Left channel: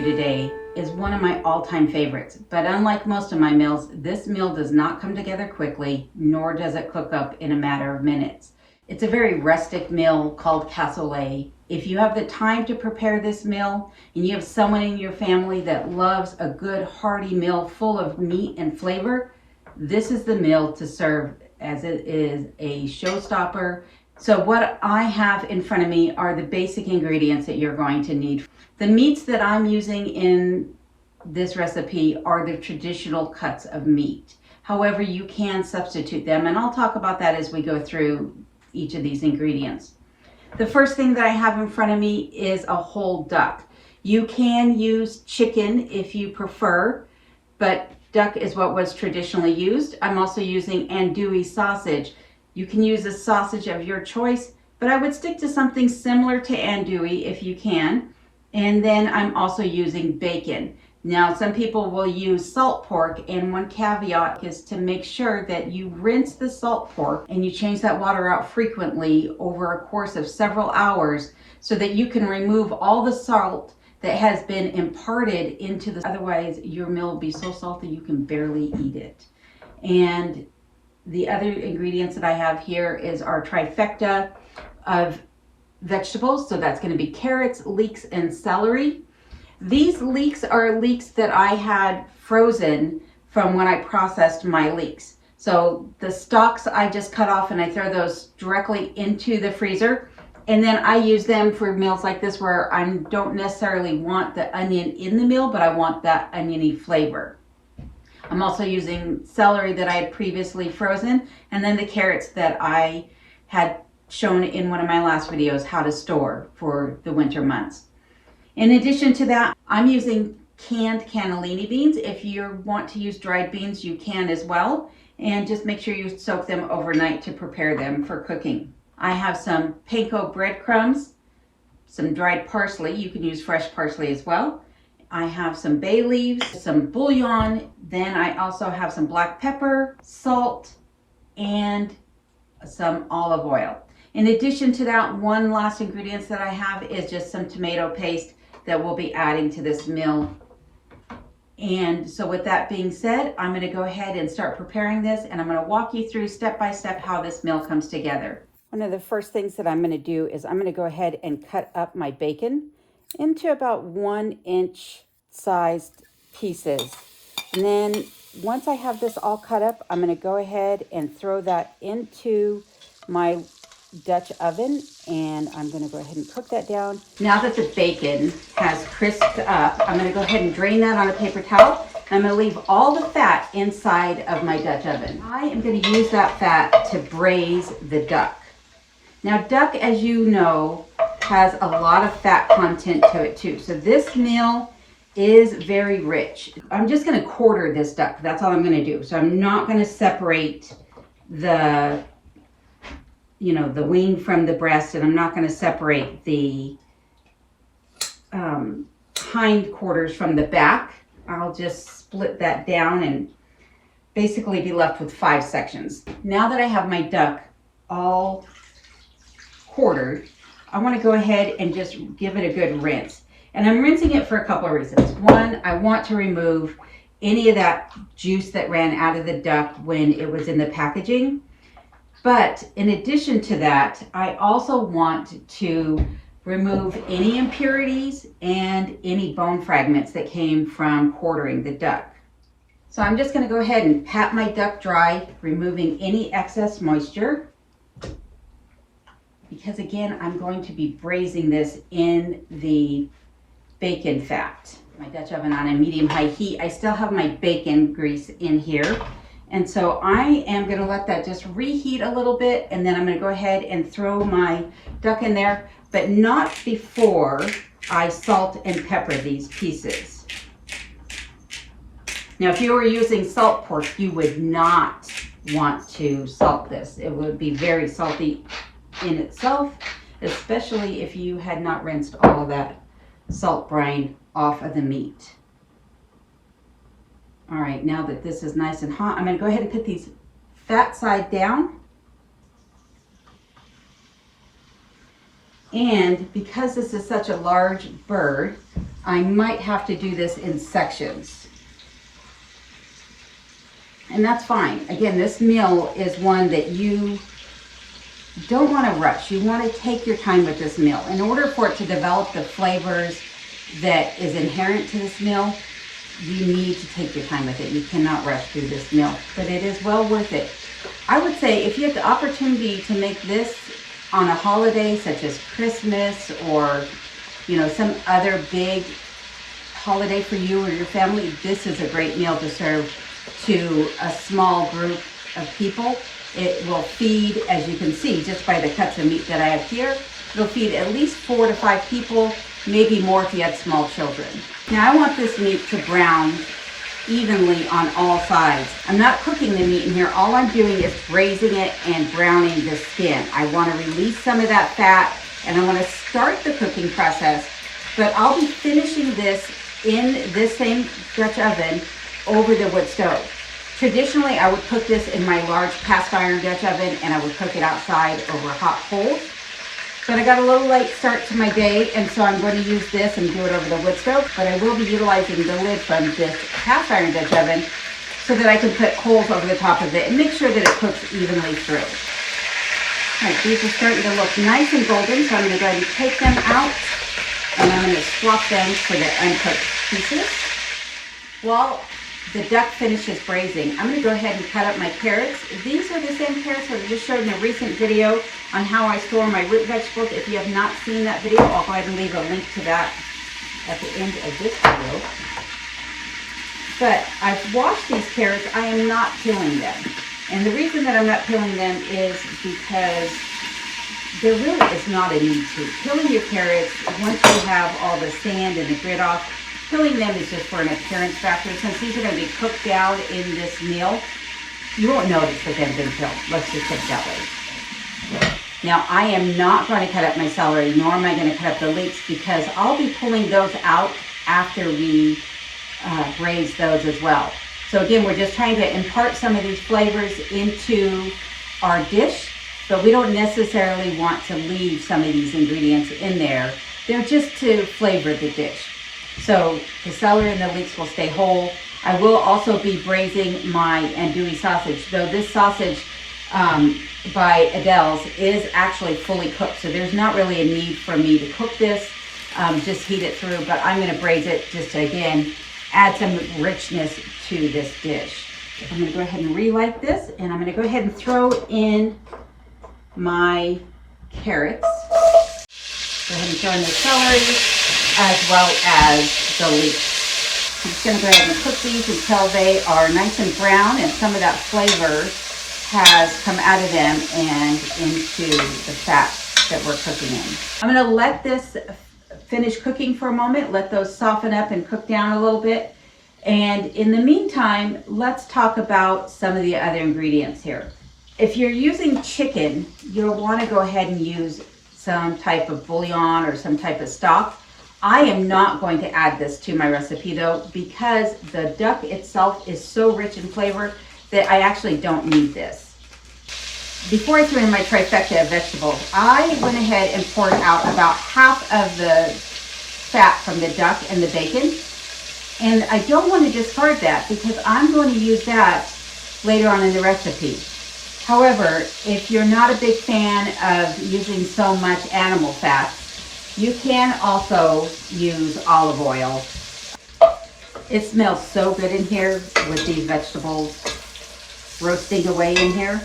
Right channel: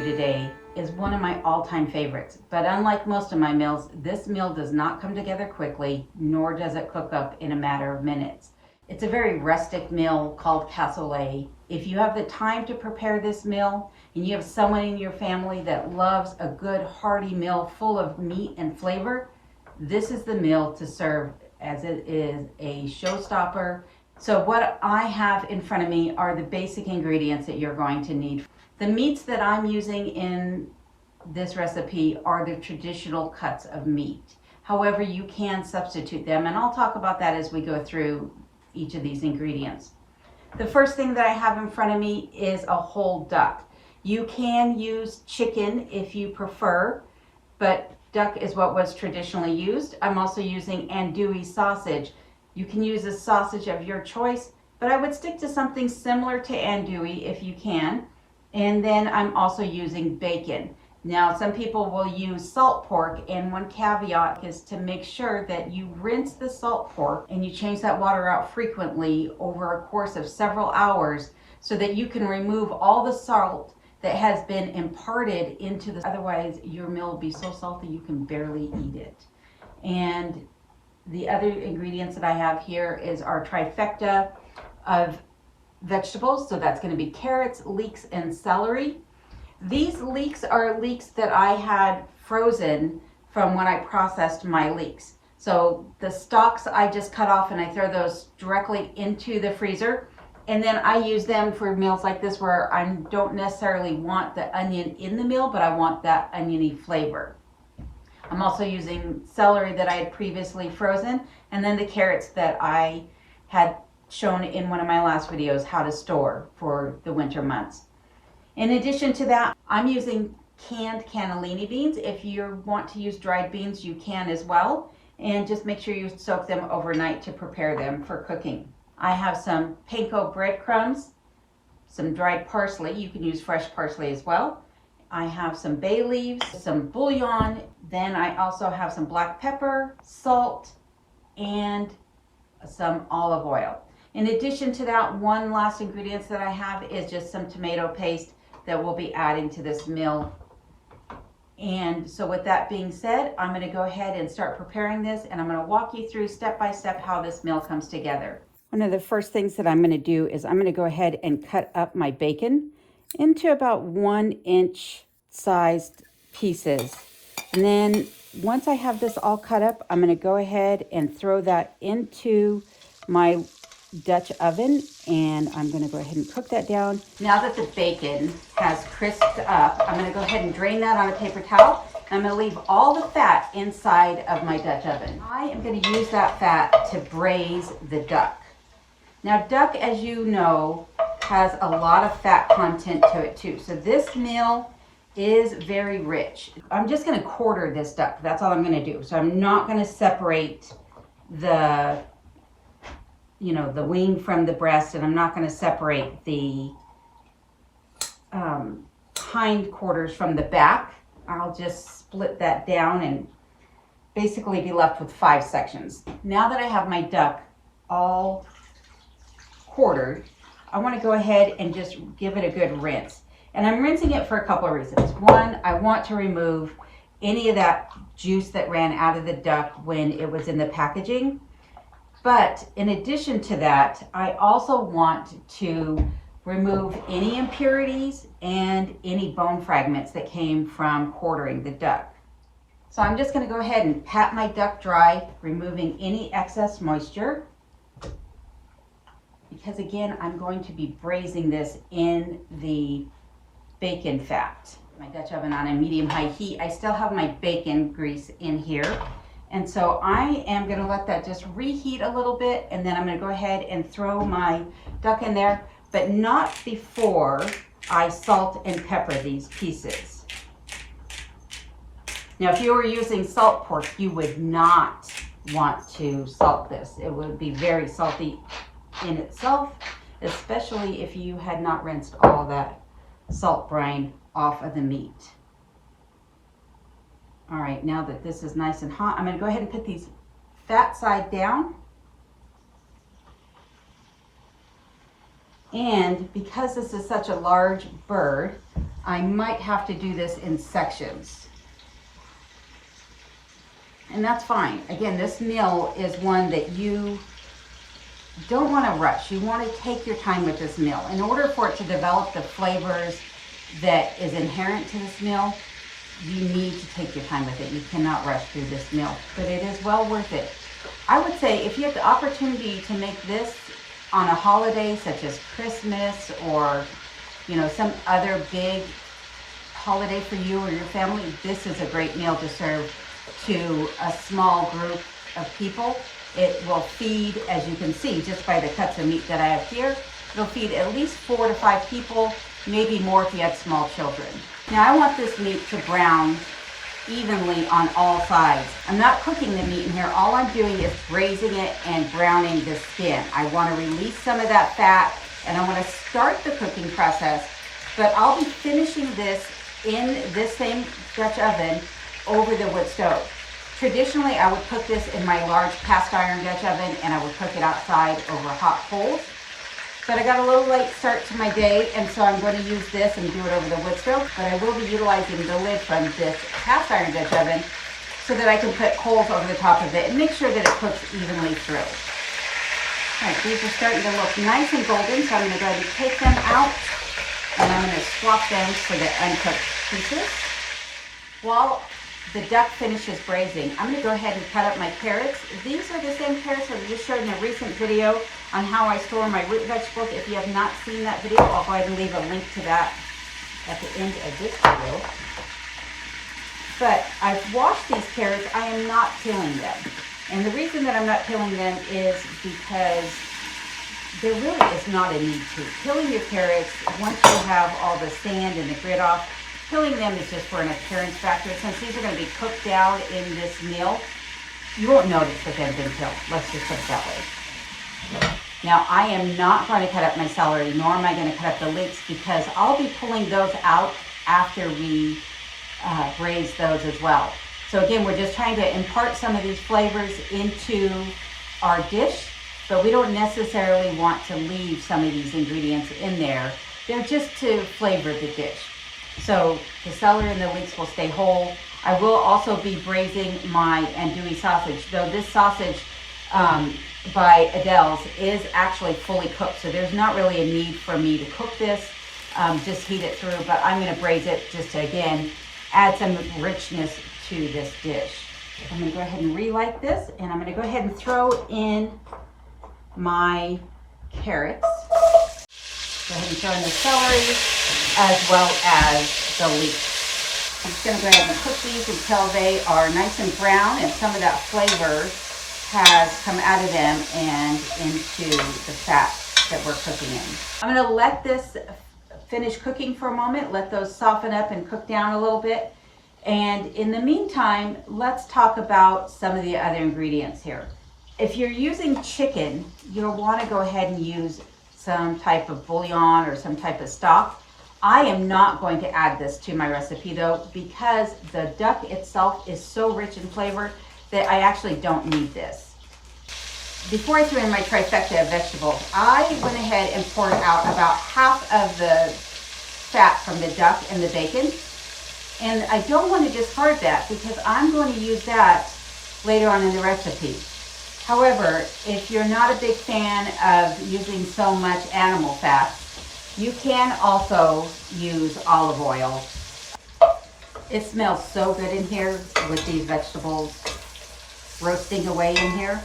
do today is one of my all-time favorites, but unlike most of my meals, this meal does not come together quickly, nor does it cook up in a matter of minutes. It's a very rustic meal called cassoulet. If you have the time to prepare this meal and you have someone in your family that loves a good hearty meal full of meat and flavor, this is the meal to serve, as it is a showstopper. So what I have in front of me are the basic ingredients that you're going to need. The meats that I'm using in this recipe are the traditional cuts of meat. However, you can substitute them, and I'll talk about that as we go through each of these ingredients. The first thing that I have in front of me is a whole duck. You can use chicken if you prefer, but duck is what was traditionally used. I'm also using andouille sausage. You can use a sausage of your choice, but I would stick to something similar to andouille if you can. And then I'm also using bacon. Now, some people will use salt pork, and one caveat is to make sure that you rinse the salt pork and you change that water out frequently over a course of several hours so that you can remove all the salt that has been imparted into this. Otherwise, your meal will be so salty you can barely eat it. And the other ingredients that I have here is our trifecta of vegetables. So that's going to be carrots, leeks, and celery. These leeks are leeks that I had frozen from when I processed my leeks. So the stalks I just cut off and I throw those directly into the freezer. And then I use them for meals like this where I don't necessarily want the onion in the meal, but I want that oniony flavor. I'm also using celery that I had previously frozen, and then the carrots that I had shown in one of my last videos how to store for the winter months. In addition to that, I'm using canned cannellini beans. If you want to use dried beans, you can as well. And just make sure you soak them overnight to prepare them for cooking. I have some panko breadcrumbs, some dried parsley. You can use fresh parsley as well. I have some bay leaves, some bouillon. Then I also have some black pepper, salt, and some olive oil. In addition to that, one last ingredient that I have is just some tomato paste that we'll be adding to this meal. And so with that being said, I'm going to go ahead and start preparing this, and I'm going to walk you through step by step how this meal comes together. One of the first things that I'm going to do is I'm going to go ahead and cut up my bacon into about 1-inch sized pieces. And then once I have this all cut up, I'm going to go ahead and throw that into my Dutch oven, and I'm going to go ahead and cook that down. Now that the bacon has crisped up, I'm going to go ahead and drain that on a paper towel. I'm going to leave all the fat inside of my Dutch oven. I am going to use that fat to braise the duck. Now, duck, as you know, has a lot of fat content to it too. So this meal is very rich. I'm just going to quarter this duck. That's all I'm going to do. So I'm not going to separate the wing from the breast, and I'm not going to separate the hind quarters from the back. I'll just split that down and basically be left with 5 sections. Now that I have my duck all quartered, I want to go ahead and just give it a good rinse. And I'm rinsing it for a couple of reasons. One, I want to remove any of that juice that ran out of the duck when it was in the packaging. But in addition to that, I also want to remove any impurities and any bone fragments that came from quartering the duck. So I'm just going to go ahead and pat my duck dry, removing any excess moisture. Because again, I'm going to be braising this in the bacon fat. My Dutch oven on a medium-high heat. I still have my bacon grease in here. And so I am going to let that just reheat a little bit, and then I'm going to go ahead and throw my duck in there, but not before I salt and pepper these pieces. Now, if you were using salt pork, you would not want to salt this. It would be very salty in itself, especially if you had not rinsed all that salt brine off of the meat. All right, now that this is nice and hot, I'm going to go ahead and put these fat side down. And because this is such a large bird, I might have to do this in sections. And that's fine. Again, this meal is one that you don't want to rush. You want to take your time with this meal. In order for it to develop the flavors that is inherent to this meal, you need to take your time with it. You cannot rush through this meal, but it is well worth it. I would say if you have the opportunity to make this on a holiday such as Christmas or some other big holiday for you or your family, this is a great meal to serve to a small group of people. It will feed, as you can see, just by the cuts of meat that I have here, it'll feed at least 4 to 5 people, maybe more if you have small children. Now I want this meat to brown evenly on all sides. I'm not cooking the meat in here. All I'm doing is braising it and browning the skin. I want to release some of that fat and I want to start the cooking process, but I'll be finishing this in this same Dutch oven over the wood stove. Traditionally, I would cook this in my large cast iron Dutch oven and I would cook it outside over hot coals. But I got a little late start to my day, and so I'm going to use this and do it over the wood stove, but I will be utilizing the lid from this cast iron Dutch oven so that I can put coals over the top of it and make sure that it cooks evenly through. All right, these are starting to look nice and golden, so I'm going to go ahead and take them out and I'm going to swap them for the uncooked pieces. While the duck finishes braising, I'm going to go ahead and cut up my carrots. These are the same carrots that I just showed in a recent video on how I store my root vegetables. If you have not seen that video, I'll go ahead and leave a link to that at the end of this video. But I've washed these carrots. I am not peeling them. And the reason that I'm not peeling them is because there really is not a need to. Peeling your carrots, once you have all the sand and the grit off, peeling them is just for an appearance factor. Since these are going to be cooked down in this meal, you won't notice that they've been peeled. Let's just put it that way. Now, I am not going to cut up my celery, nor am I going to cut up the leeks, because I'll be pulling those out after we braise those as well. So again, we're just trying to impart some of these flavors into our dish, but we don't necessarily want to leave some of these ingredients in there. They're just to flavor the dish. So the celery and the leeks will stay whole. I will also be braising my andouille sausage, though this sausage by Adele's is actually fully cooked. So there's not really a need for me to cook this, just heat it through, but I'm going to braise it just to, again, add some richness to this dish. I'm going to go ahead and relight this, and I'm going to go ahead and throw in my carrots. Go ahead and throw in the celery as well as the leeks. I'm just going to go ahead and cook these until they are nice and brown and some of that flavor has come out of them and into the fat that we're cooking in. I'm going to let this finish cooking for a moment, let those soften up and cook down a little bit. And in the meantime, let's talk about some of the other ingredients here. If you're using chicken, you'll want to go ahead and use some type of bouillon or some type of stock. I am not going to add this to my recipe though, because the duck itself is so rich in flavor that I actually don't need this. Before I threw in my trifecta of vegetables, I went ahead and poured out about half of the fat from the duck and the bacon. And I don't want to discard that because I'm going to use that later on in the recipe. However, if you're not a big fan of using so much animal fat, you can also use olive oil. It smells so good in here with these vegetables roasting away in here.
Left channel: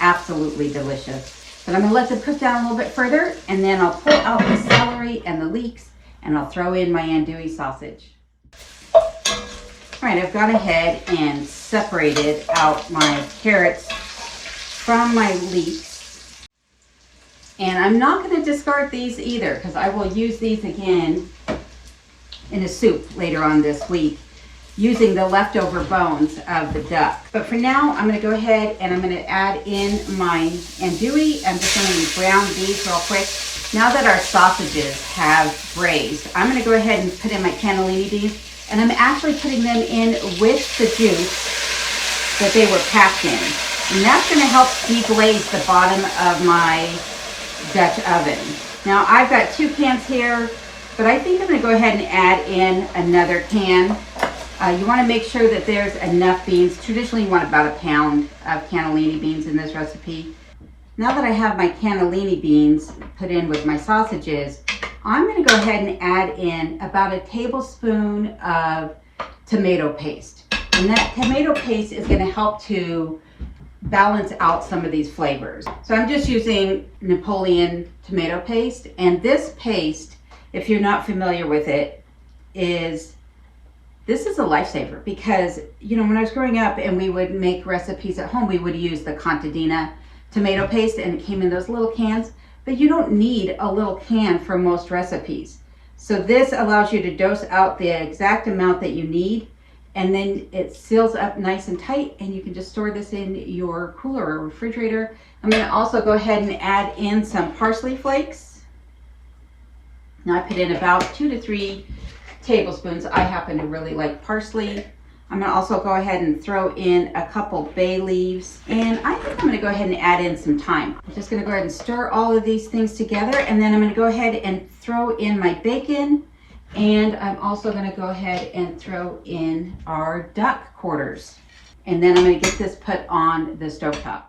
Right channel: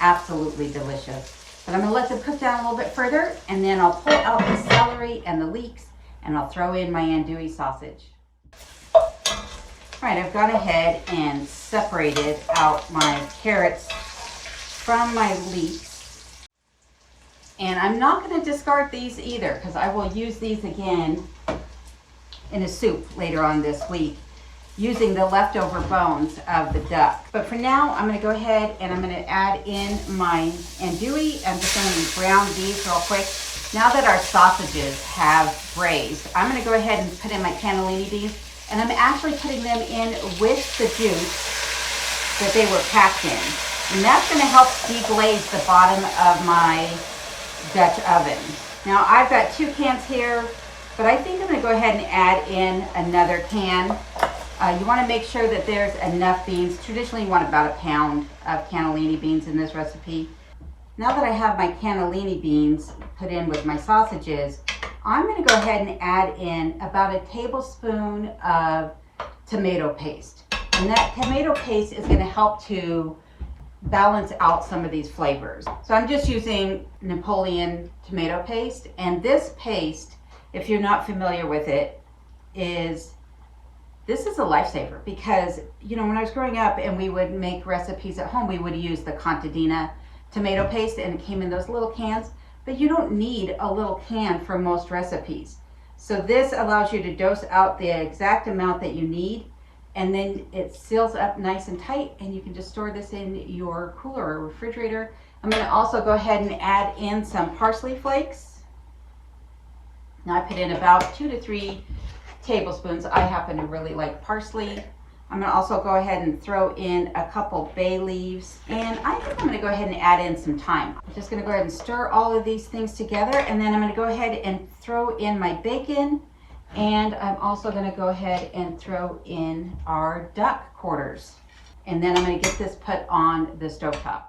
Absolutely delicious. But I'm going to let them cook down a little bit further, and then I'll pull out the celery and the leeks, and I'll throw in my andouille sausage. All right, I've gone ahead and separated out my carrots from my leeks. And I'm not going to discard these either, because I will use these again in a soup later on this week, using the leftover bones of the duck. But for now, I'm going to go ahead and I'm going to add in my andouille. I'm just going to brown these real quick. Now that our sausages have braised, I'm going to go ahead and put in my cannellini beans, and I'm actually putting them in with the juice that they were packed in. And that's going to help deglaze the bottom of my Dutch oven. Now I've got 2 cans here. But I think I'm going to go ahead and add in another can. You want to make sure that there's enough beans. Traditionally, you want about a pound of cannellini beans in this recipe. Now that I have my cannellini beans put in with my sausages, I'm going to go ahead and add in about a tablespoon of tomato paste. And that tomato paste is going to help to balance out some of these flavors. So I'm just using Napoleon tomato paste. And this paste, if you're not familiar with it, this is a lifesaver because, you know, when I was growing up and we would make recipes at home, we would use the Contadina tomato paste and it came in those little cans, but you don't need a little can for most recipes. So this allows you to dose out the exact amount that you need, and then it seals up nice and tight, and you can just store this in your cooler or refrigerator. I'm going to also go ahead and add in some parsley flakes. Now I put in about 2 to 3 tablespoons. I happen to really like parsley. I'm going to also go ahead and throw in a couple bay leaves, and I think I'm going to go ahead and add in some thyme. I'm just going to go ahead and stir all of these things together, and then I'm going to go ahead and throw in my bacon, and I'm also going to go ahead and throw in our duck quarters, and then I'm going to get this put on the stovetop.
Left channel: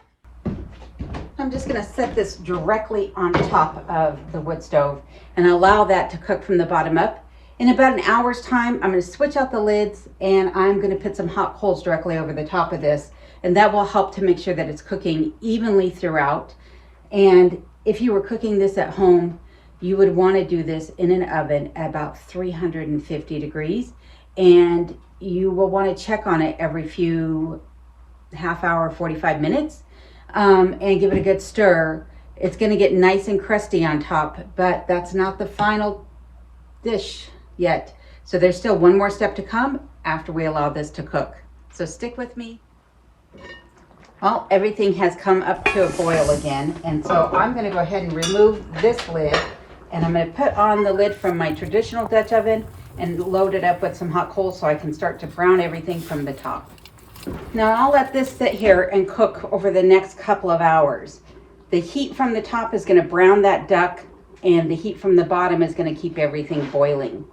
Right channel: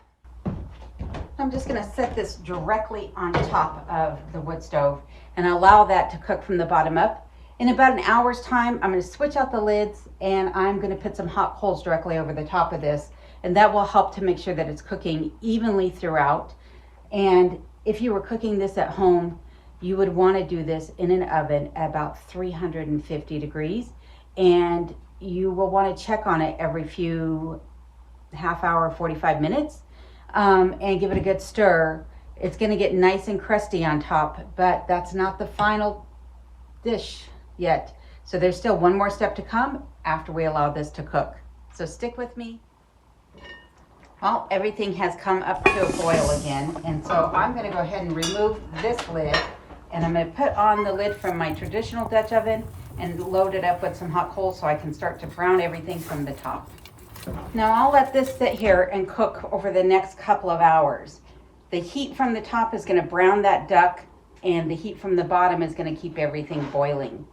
I'm just going to set this directly on top of the wood stove and allow that to cook from the bottom up. In about an hour's time, I'm going to switch out the lids and I'm going to put some hot coals directly over the top of this, and that will help to make sure that it's cooking evenly throughout. And if you were cooking this at home, you would want to do this in an oven at about 350 degrees, and you will want to check on it every few half hour, 45 minutes, and give it a good stir. It's going to get nice and crusty on top, but that's not the final dish yet. So there's still one more step to come after we allow this to cook. So stick with me. Well, everything has come up to a boil again, and so I'm going to go ahead and remove this lid, and I'm going to put on the lid from my traditional Dutch oven and load it up with some hot coals so I can start to brown everything from the top. Now I'll let this sit here and cook over the next couple of hours. The heat from the top is going to brown that duck, and the heat from the bottom is going to keep everything boiling.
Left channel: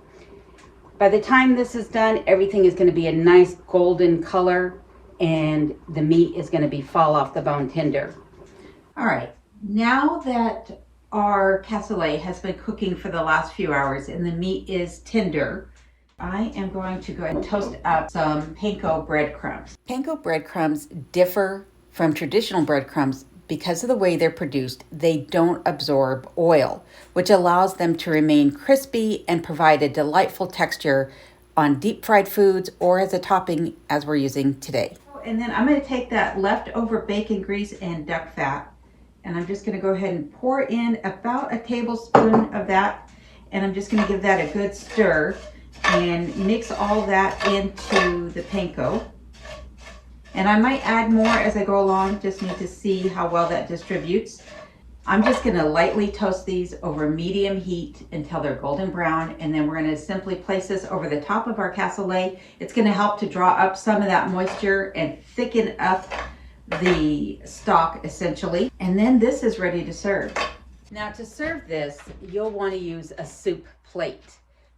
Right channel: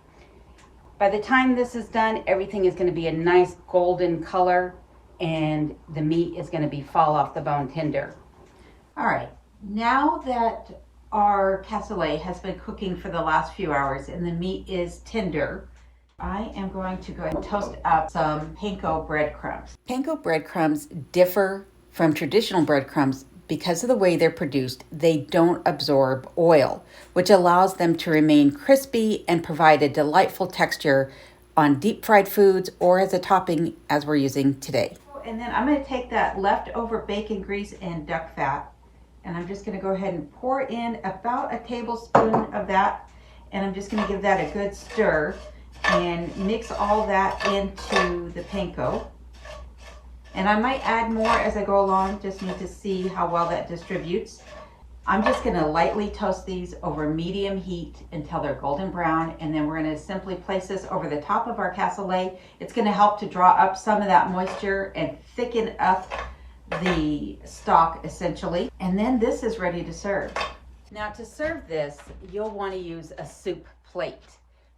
By the time this is done, everything is going to be a nice golden color, and the meat is going to be fall off the bone tender. All right, now that our cassoulet has been cooking for the last few hours and the meat is tender, I am going to go ahead and toast up some panko breadcrumbs. Panko breadcrumbs differ from traditional breadcrumbs because of the way they're produced. They don't absorb oil, which allows them to remain crispy and provide a delightful texture on deep fried foods or as a topping as we're using today. And then I'm going to take that leftover bacon grease and duck fat, and I'm just going to go ahead and pour in about a tablespoon of that, and I'm just going to give that a good stir and mix all that into the panko. And I might add more as I go along, just need to see how well that distributes. I'm just going to lightly toast these over medium heat until they're golden brown, and then we're going to simply place this over the top of our cassoulet. It's going to help to draw up some of that moisture and thicken up the stock essentially. And then this is ready to serve. Now to serve this, you'll want to use a soup plate.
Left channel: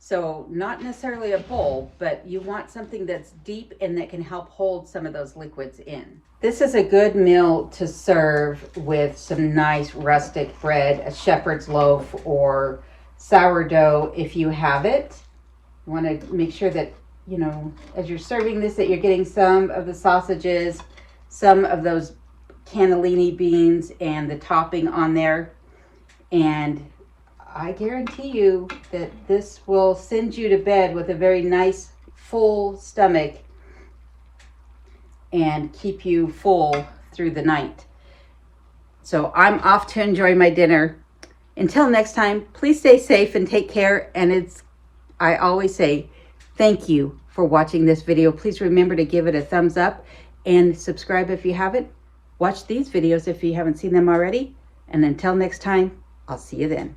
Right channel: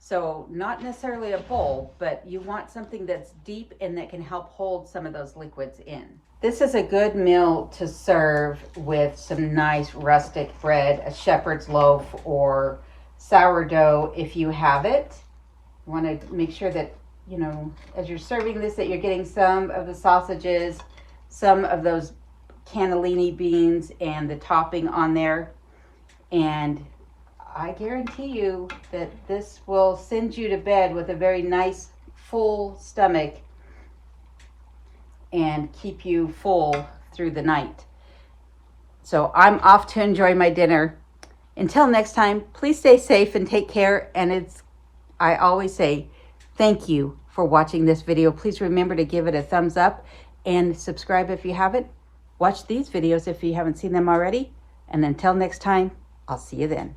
So not necessarily a bowl, but you want something that's deep and that can help hold some of those liquids in. This is a good meal to serve with some nice rustic bread, a shepherd's loaf or sourdough if you have it. You want to make sure that, you know, as you're serving this, that you're getting some of the sausages, some of those cannellini beans and the topping on there. And I guarantee you that this will send you to bed with a very nice full stomach and keep you full through the night. So I'm off to enjoy my dinner. Until next time, please stay safe and take care. And I always say thank you for watching this video. Please remember to give it a thumbs up and subscribe if you haven't. Watch these videos if you haven't seen them already. And until next time, I'll see you then.